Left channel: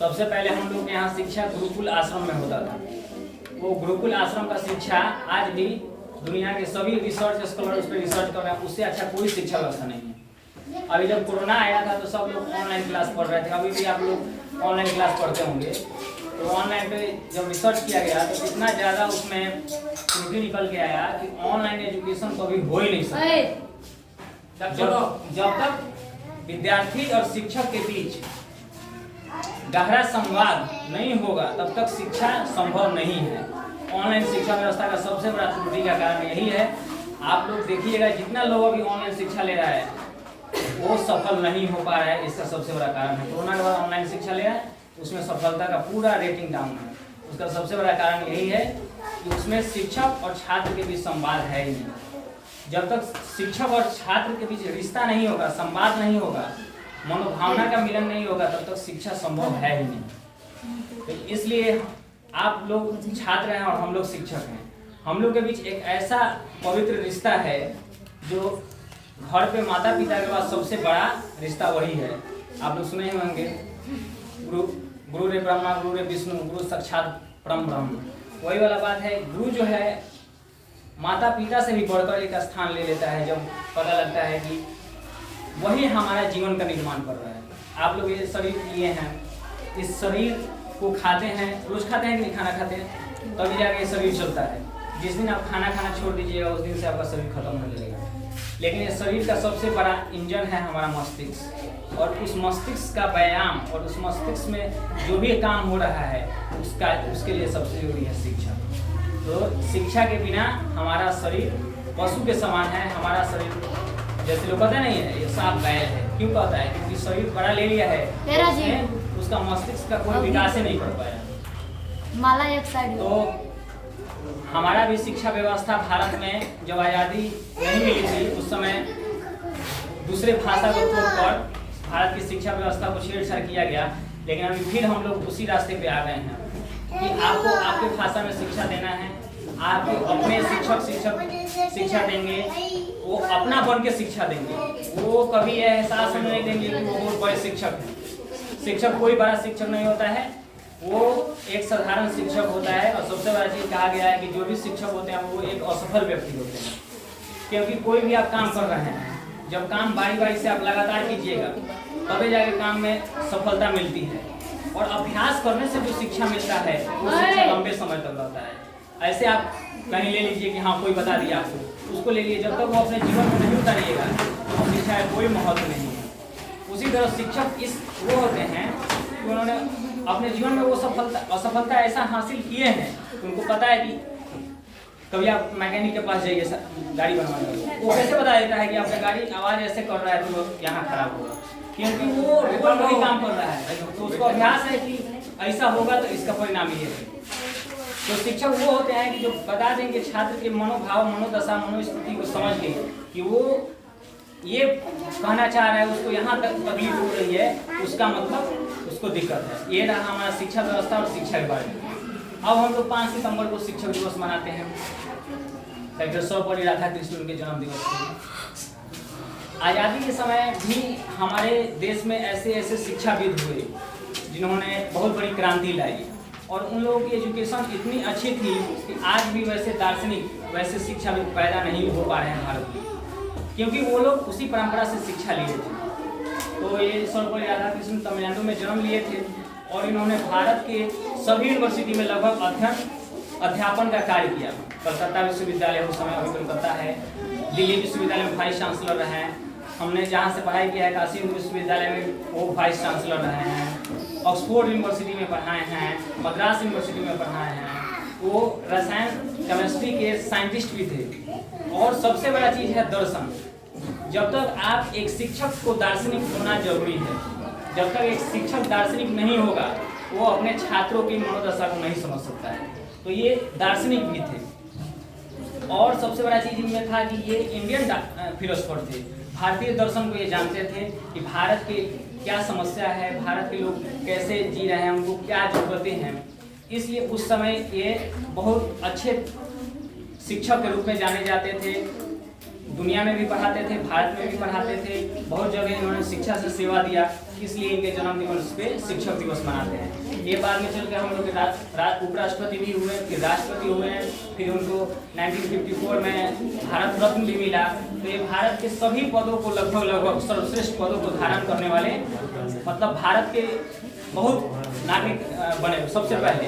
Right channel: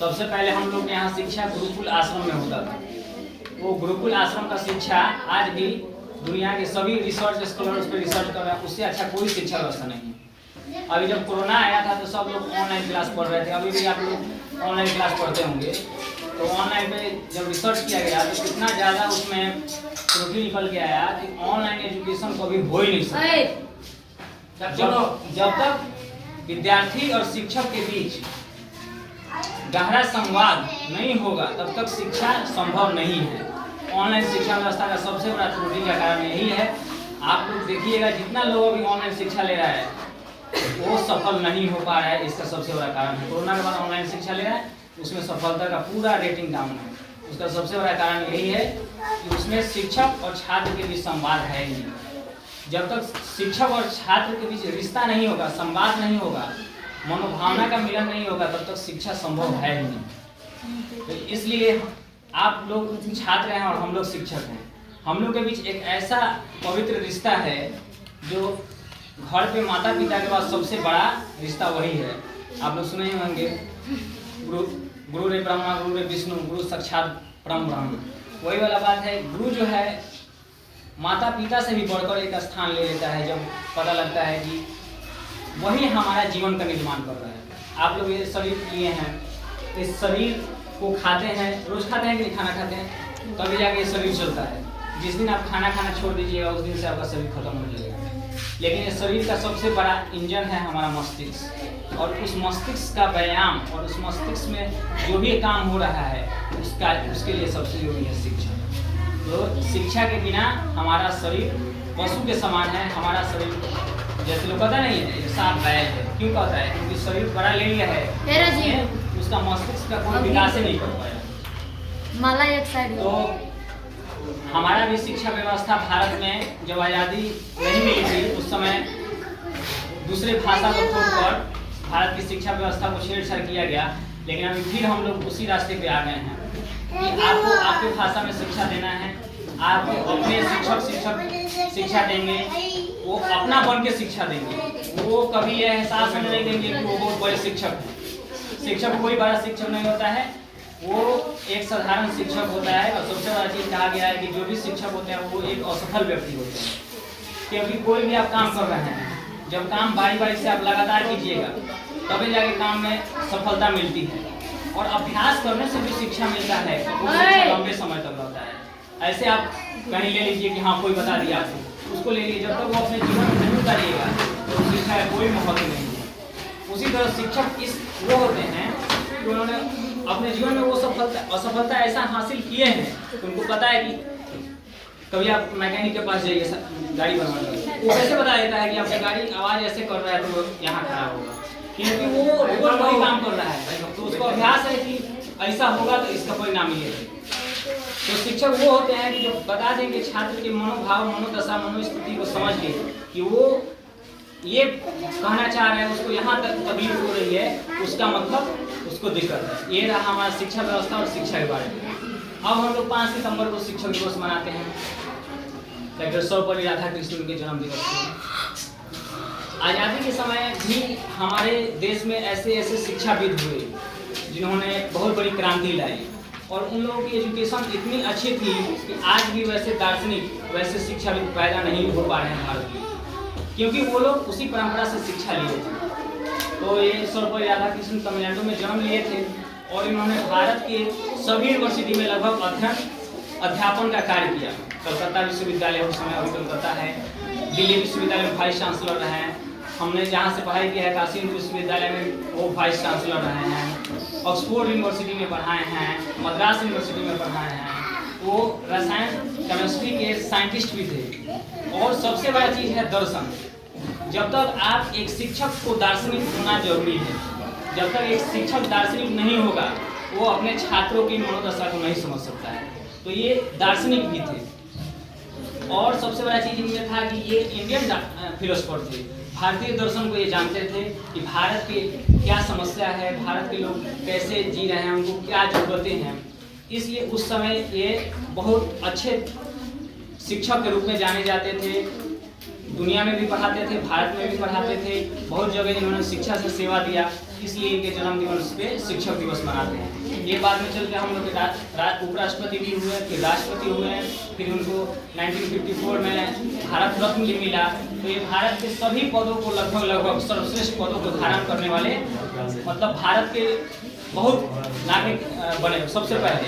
सबसे पहले हम लोग के यहाँ शिक्षा गुरुकुल आश्रम में होता था। वो गुरुकुल आश्रम का शिक्षा आज भी दुनिया के सभी रिसर्च स्कॉलर उस पर रिसर्च कर रहे हैं, उससे अच्छा कोई शिक्षा व्यवस्था नहीं है। अभी जब कोरोना आया था तो सब लोग ऑनलाइन क्लास पढ़ रहे थे, अभी भी आप लोग ऑनलाइन क्लास पढ़ते होंगे। तो ऑनलाइन पे जब रिसर्च किया गया तो कितना ज़्यादा उसमें त्रुटि निकल के आया कि ऑनलाइन एजुकेशन कभी हो ही नहीं सकता। जब तक विद्यार्थी और शिक्षक के बीच गहरा संवाद नहीं होगा तब तक शिक्षा संभव नहीं है। ऑनलाइन शिक्षा व्यवस्था का सबसे बड़ा त्रुटि का कारण यही है। आप लोग देखिएगा जितना लोग अभी ऑनलाइन शिक्षा ले रहा है वो सफल नहीं हो पा रहा है, इसका सबसे बड़ा कारण है। कोरोना के बाद ऑनलाइन शिक्षा ले रहा है उसमें सफलता का पूरा रेटिंग डाउन है। उसका सबसे बड़ा कारण यही है कि उसमें शिक्षक और छात्र के बीच संवाद है ही नहीं। जब तक शिक्षक और छात्र के बीच रिश्ता नहीं होगा, संवाद नहीं होगा, मनोभावना का मिलन नहीं होगा, तब तक शिक्षा संभव है ही नहीं। तो इसलिए आप लोग छात्र हैं और हम लोग शिक्षक हैं, हम लोग के बीच एक ऐसा पवित्र रिश्ता है जो घर पे माता पिता के बाद सबसे बड़ा रिश्ता वही है। आप लोग सुने होंगे गुरु रे ब्रह्मा गुरु रे विष्णु गुरु साक्षात परम ब्रह्म। वही वाला बात है। गुरु जो है माता पिता से भी बढ़कर एक स्थान ले लेता है जब पता लगता है कि वही हमारा जीवन का निर्माण कर रहा है। आप लोग ये शरीर लिए हैं, इस शरीर को खाते हैं, रोज खाते हैं कि नहीं खाना खाते हैं, तभी जाके ये शरीर चलता है। जिस दिन आप खाना खाना छोड़ दीजिएगा उस दिन से आपका शरीर खत्म हो जाएगा। लेकिन इस शरीर का सबसे बड़ा इंजन है हमारा मस्तिष्क, और उस मस्तिष्क का व्यायाम और उस मस्तिष्क में जो भी काम हो रहा है उसके लिए सबसे जरूरी है शिक्षा। तो शिक्षा के बिना हमारा शरीर पशु के समान है। हमारा शरीर जैसे लोग कहते नहीं है ये साफ बैल है, क्यों कहता है? क्योंकि शरीर बड़ा ले लिया है, उसका मस्तिष्क का कोई विकास नहीं कर पाया। माला एक साइड। तो हमारा भी शिक्षा व्यवस्था भारत में जब आज़ादी नहीं मिली थी उस समय दूसरे भाषा को छोड़कर भारत की शिक्षा व्यवस्था को छेड़छाड़ किया गया। लेकिन अभी फिर हम लोग उसी रास्ते पे आ गए हैं कि आपको आपके भाषा में शिक्षा देना है। आप अपने शिक्षक शिक्षा देंगे, वो अपना बन के शिक्षा देंगे। वो कभी यह एहसास नहीं देंगे कि वो बहुत बड़े शिक्षक हैं। शिक्षक कोई बड़ा शिक्षक नहीं होता है, वो एक साधारण शिक्षक होता है। और सबसे बड़ा चीज़ कहा गया है कि जो भी शिक्षक होते हैं वो एक असफल व्यक्ति होते हैं। क्योंकि कोई भी आप काम कर रहे हैं, जब काम बारी बारी से आप लगातार कीजिएगा तभी जाके काम में सफलता मिलती है। और अभ्यास करने से जो शिक्षा मिलता है वो शिक्षा लंबे समय तक रहता है। ऐसे आप कहीं ले लीजिए कि हाँ कोई बता दिया आपको, उसको ले लीजिए, जब तक वो अपने जीवन में नहीं उतारिएगा तो शिक्षा का कोई महत्व नहीं है। उसी तरह शिक्षक वो होते हैं कि उन्होंने अपने जीवन में वो असफलता ऐसा हासिल किए हैं कि उनको पता है कि कभी आप मैकेनिक के पास जाइए गाड़ी बनवाने, वो कैसे बता देता है कि आपका गाड़ी आवाज़ ऐसे कर रहा है तो यहाँ खराब होगा, क्योंकि वो वही काम कर रहा है। तो उसको अभ्यास है कि ऐसा होगा तो इसका परिणाम ये है। तो शिक्षक वो होते हैं कि जो बता देंगे छात्र के मनोभाव, मनोदशा, मनोस्थिति को समझ के कि वो ये कहना चाह रहा है, उसको यहाँ तक तकलीफ हो रही है, उसका मतलब उसको दिक्कत है। ये रहा हमारा शिक्षा व्यवस्था और शिक्षा के बारे में। अब हम लोग 5 सितंबर को शिक्षक दिवस मनाते हैं, डॉक्टर सर्वपल्ली राधाकृष्णन के जन्म दिवस। आज़ादी के समय भी हमारे देश में ऐसे ऐसे शिक्षाविद हुए जिन्होंने बहुत बड़ी क्रांति लाई, और उन लोगों की एजुकेशन इतनी अच्छी थी कि आज भी वैसे दार्शनिक, वैसे शिक्षाविद पैदा नहीं हो पा रहे हैं भारत में, क्योंकि वो लोग उसी परंपरा से शिक्षा लिए थे। तो ये सर्वपल्ली राधाकृष्णन तमिलनाडु में जन्म लिए थे और इन्होंने भारत के सभी यूनिवर्सिटी में लगभग अध्यापन का कार्य किया। कलकत्ता विश्वविद्यालय उस समय अभी कलकत्ता है, दिल्ली विश्वविद्यालय में वाइस चांसलर रहे हैं। हमने जहाँ से पढ़ाई किया है काशी हिंदू विश्वविद्यालय में वो वाइस चांसलर रहे हैं। ऑक्सफोर्ड यूनिवर्सिटी में पढ़ाए हैं, मद्रास यूनिवर्सिटी में पढ़ाए हैं। वो रसायन केमिस्ट्री के साइंटिस्ट भी थे। और सबसे बड़ा चीज़ है दर्शन। जब तक आप एक शिक्षक को दार्शनिक होना जरूरी है। जब तक एक शिक्षक दार्शनिक नहीं होगा वो अपने छात्रों की मनोदशा को नहीं समझ सकता है। तो ये दार्शनिक भी थे। और सबसे बड़ा चीज़ इनमें था कि ये इंडियन फिलोसफर थे। भारतीय दर्शन को ये जानते थे कि भारत की क्या समस्या है, भारत के लोग कैसे जी रहे हैं, उनको क्या जरूरतें हैं। इसलिए उस समय ये बहुत अच्छे शिक्षक के रूप में जाने जाते थे। दुनिया में भी पढ़ाते थे, भारत में भी पढ़ाते थे, बहुत जगह इन्होंने शिक्षा से सेवा दिया। इसलिए इनके जन्म दिवस पे शिक्षक दिवस मनाते हैं। ये बाद में चल के हम लोग के उपराष्ट्रपति भी हुए, फिर राष्ट्रपति हुए, फिर उनको 1954 में भारत रत्न भी मिला। तो ये भारत के सभी पदों को लगभग सर्वश्रेष्ठ पदों को धारण करने वाले, मतलब भारत के बहुत नागरिक बने सबसे पहले।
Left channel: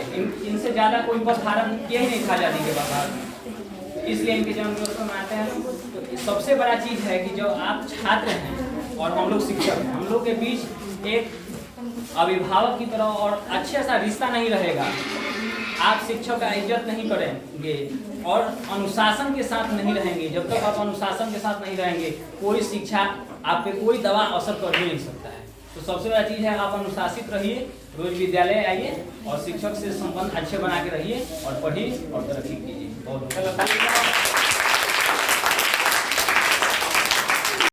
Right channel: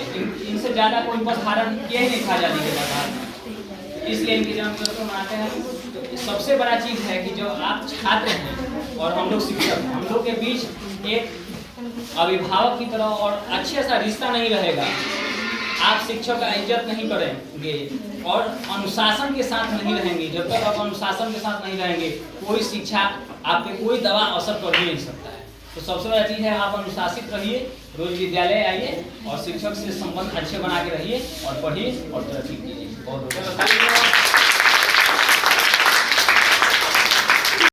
इनसे ज़्यादा कोई पद धारण किया ही नहीं था आज़ादी के बाद, इसलिए इनके जन्म दिवस को मनाते हैं। तो सबसे बड़ा चीज़ है कि जो आप छात्र हैं और हम लोग शिक्षक हैं, हम लोग के बीच एक अभिभावक की तरह और अच्छे सा रिश्ता नहीं रहेगा, आप शिक्षक का इज्जत नहीं करेंगे और अनुशासन के साथ नहीं रहेंगे। जब तक आप अनुशासन के साथ नहीं रहेंगे, कोई शिक्षा आप पे कोई दबाव असर कर ही नहीं सकता है। तो सबसे बड़ा चीज़ है आप अनुशासित रहिए, रोज विद्यालय आइए और शिक्षक से संबंध अच्छे बना के रहिए और पढ़िए और तरक्की कीजिए। बहुत